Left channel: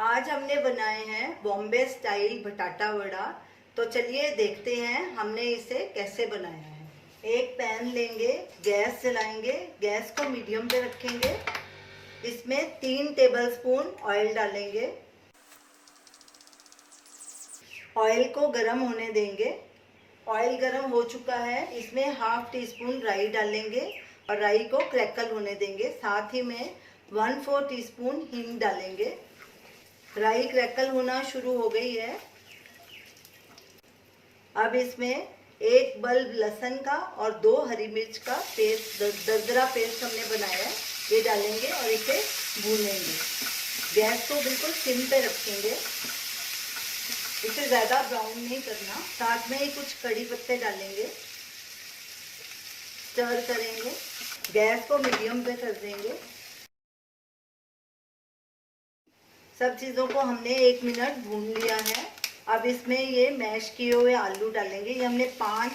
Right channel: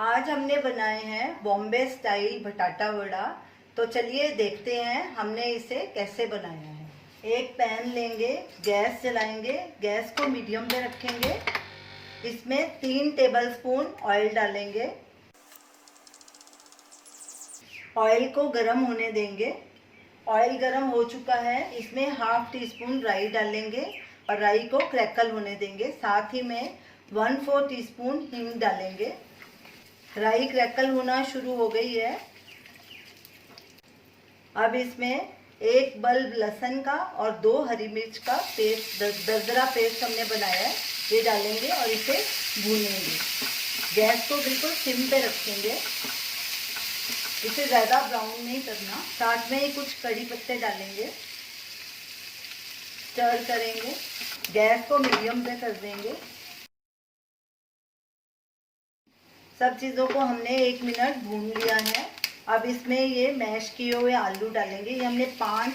आज हमने बनाए हैं बॉम्बे स्टाइल बटाटा वड़ा। तो चलिए देखते हैं हमने इसे कैसे बनाया है। एक पैन लेंगे, गैस जलाएंगे, गैस को मीडियम पे रखेंगे। इसमें 3 टेबलस्पून ऑयल डालेंगे। ऑयल को गर्म होने देंगे। ऑयल गर्म हो चुका है, इसमें हाफ टी स्पून राई डालेंगे और राई को क्रैकल होने देंगे। साथ ही में 1/4 टीस्पून हींग डालेंगे। राई क्रैकल होना शुरू हो गई है। अब इसमें 1 बल्ब लहसुन का और 2 हरी मिर्च का पेस्ट, दरदरा पेस्ट हमने बनाया है, ये डालेंगे और इसे भूनेंगे। गैस को बिल्कुल सिम पे रखेंगे, इसे ज़्यादा ब्राउन नहीं करना। साथ में ही कुछ कड़ी पत्ते डालेंगे, स्टर करेंगे। गैस को मीडियम पे कर देंगे। सब चीज़ों को हमने 1 मिनट भून लिया है। अब इसमें ये मैश किए हुए आलू डालेंगे। ये हमने 5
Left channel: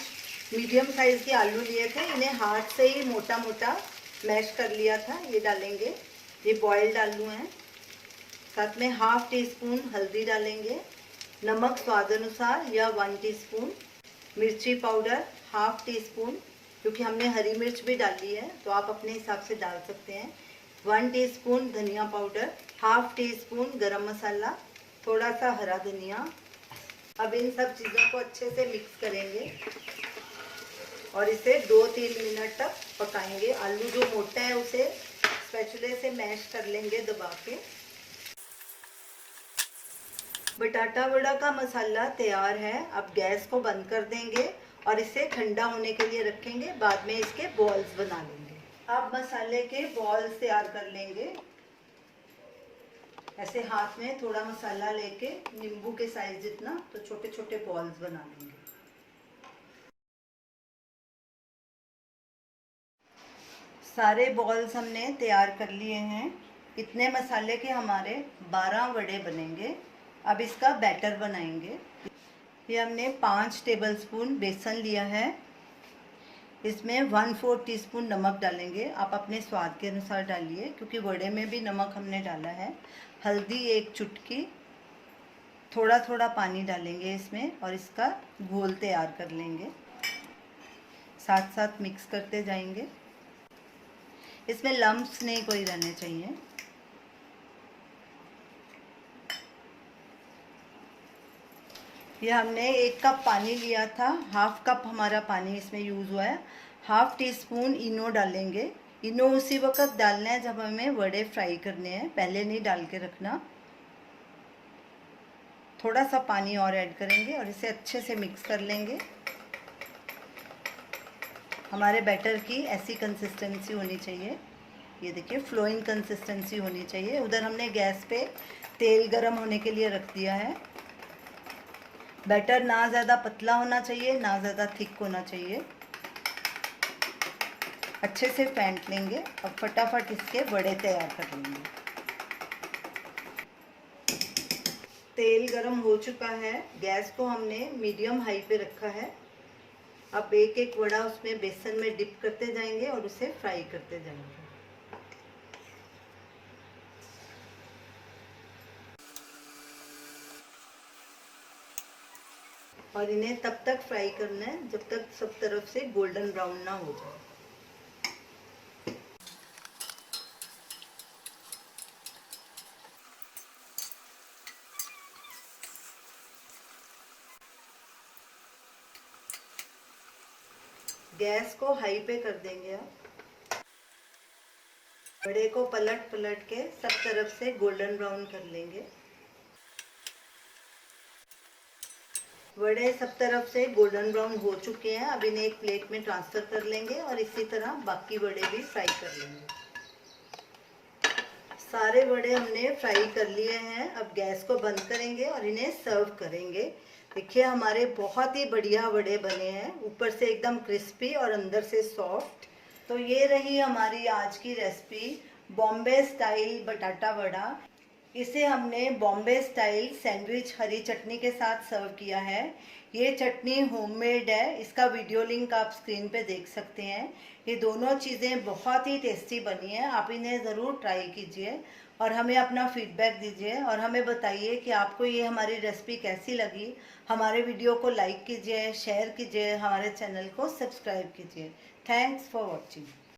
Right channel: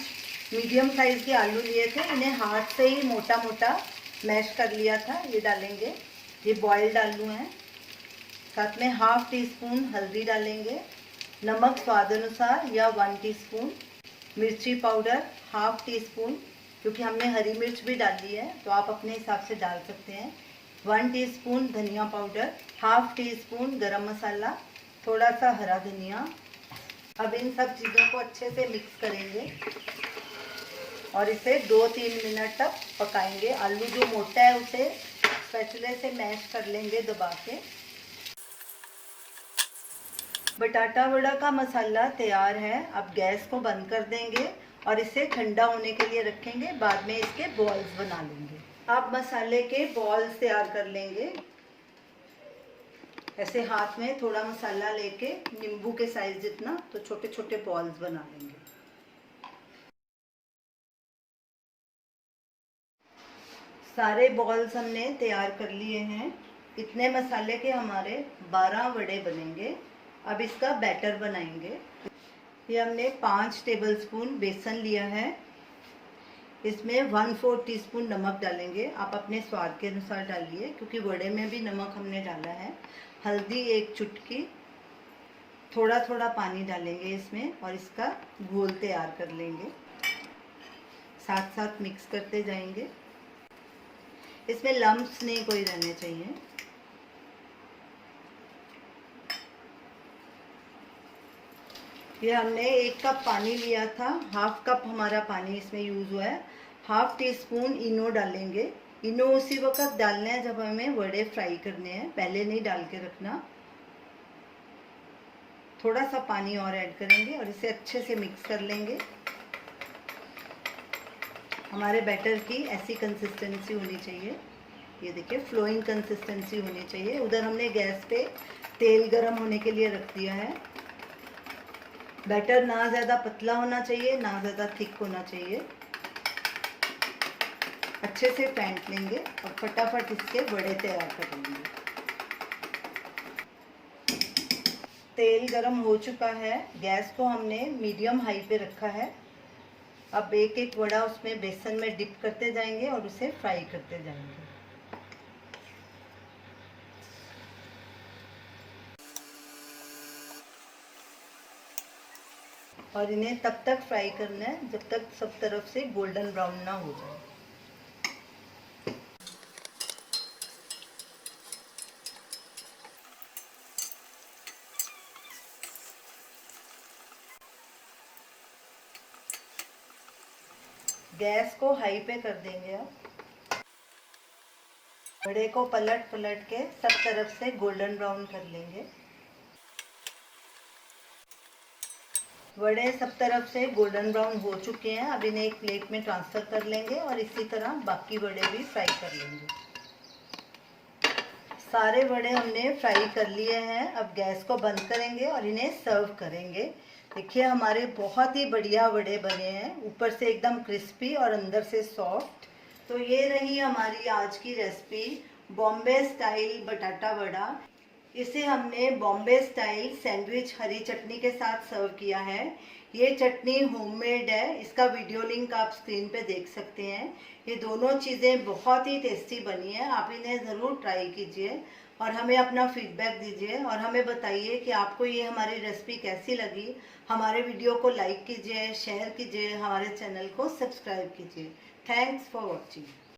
मीडियम साइज़ के आलू लिए थे, इन्हें हाथ से ही मोटा मोटा मैश कर लिया था, ये डालेंगे। ये बॉइल्ड आलू हैं। साथ में हाफ टी स्पून हल्दी डालेंगे, नमक स्वाद अनुसार या 1 टीस्पून, मिर्ची पाउडर हाफ टी स्पून, क्योंकि हमने हरी मिर्च भी डाली है तो आप अपने हिसाब से डाल सकते हैं। 1 टीस्पून धनिया पाउडर, हाफ टी स्पून गरम मसाला, थोड़ा सा हरा धनिया। अब इन सब चीज़ों को अच्छे से मिक्स करेंगे और इसे 2-3 मिनट तक पकाएंगे। आलू जो मोटा है उसे स्पैचुले से मैश कर लेंगे दबा के। बटाटा वड़ा का मसाला तैयार है। अब गैस को बंद कर देंगे और इसे ठंडा होने के लिए रखेंगे। बाद में इसके बॉल्स बना लेंगे। अब मसाले के बॉल्स तैयार कर लेंगे। ऐसे हाथ में थोड़ा मसाला लेके नींबू के साइज जितना, तो छोटे छोटे बॉल्स बना लेंगे। सारे बॉल्स हमने तैयार कर लिए हैं। इतने मसाले के हमारे 12 वड़े बनेंगे। अब इसका बैटर बनाएंगे। ये हमने 5 टेबलस्पून बेसन लिया है। इसमें 1/4 टीस्पून नमक डालेंगे। आप अपने स्वाद के अनुसार डालिए, क्योंकि वड़े में भी नमक हमने डाला है। हल्दी 1 चुटकी, थोड़ा थोड़ा पानी डालेंगे इसमें और इसका घोल तैयार कर लेंगे। साथ साथ मिक्स करते जाएंगे। इसमें लम्प्स नहीं कोई रहने चाहिए। ये हमने 1 कप पानी लिया था, हाफ कप हमारा पानी इसमें यूज़ हुआ है। हाफ टी स्पून इनो डालेंगे। इनो उसी वक्त डालना है जब हमें वड़े फ्राई करने हैं, पहले नहीं डाल के रखना। थोड़ा सा पानी और ऐड करेंगे और इसे अच्छे से मिक्स कर लेंगे। हमारे बैटर की ऐसी कंसिस्टेंसी होनी चाहिए। ये देखिए, फ्लोइंग कंसिस्टेंसी होनी चाहिए। उधर हमने गैस पे तेल गरम होने के लिए रख दिया है। बैटर ना ज़्यादा पतला होना चाहिए, ना ज़्यादा थिक होना चाहिए। अच्छे से फेंट लेंगे और फटाफट इसके वड़े तैयार कर लेंगे। तेल गरम हो चुका है। गैस को हमने मीडियम हाई पे रखा है। अब एक एक वड़ा उसमें बेसन में डिप करते जाएंगे और उसे फ्राई करते जाएंगे। और इन्हें तब तक फ्राई करना है जब तक सब तरफ से गोल्डन ब्राउन ना हो जाए। गैस को हाई पे कर देंगे। अब वड़े को पलट पलट के सब तरफ से गोल्डन ब्राउन कर लेंगे। वड़े सब तरफ से गोल्डन ब्राउन हो चुके हैं। अब इन्हें एक प्लेट में ट्रांसफ़र कर लेंगे और इसी तरह बाकी वड़े भी फ्राई कर लेंगे। सारे वड़े हमने फ्राई कर लिए हैं। अब गैस को बंद करेंगे और इन्हें सर्व करेंगे। देखिए, हमारे बहुत ही बढ़िया वड़े बने हैं, ऊपर से एकदम क्रिस्पी और अंदर से सॉफ्ट। तो ये रही हमारी आज की रेसिपी, बॉम्बे स्टाइल बटाटा वड़ा। इसे हमने बॉम्बे स्टाइल सैंडविच हरी चटनी के साथ सर्व किया है। ये चटनी होममेड है, इसका वीडियो लिंक आप स्क्रीन पे देख सकते हैं। ये दोनों चीज़ें बहुत ही टेस्टी बनी है, आप इन्हें ज़रूर ट्राई कीजिए। और हमें अपना फीडबैक दीजिए और हमें बताइए कि आपको ये हमारी रेसिपी कैसी लगी। हमारे वीडियो को लाइक कीजिए, शेयर कीजिए, हमारे चैनल को सब्सक्राइब कीजिए। Thanks for watching.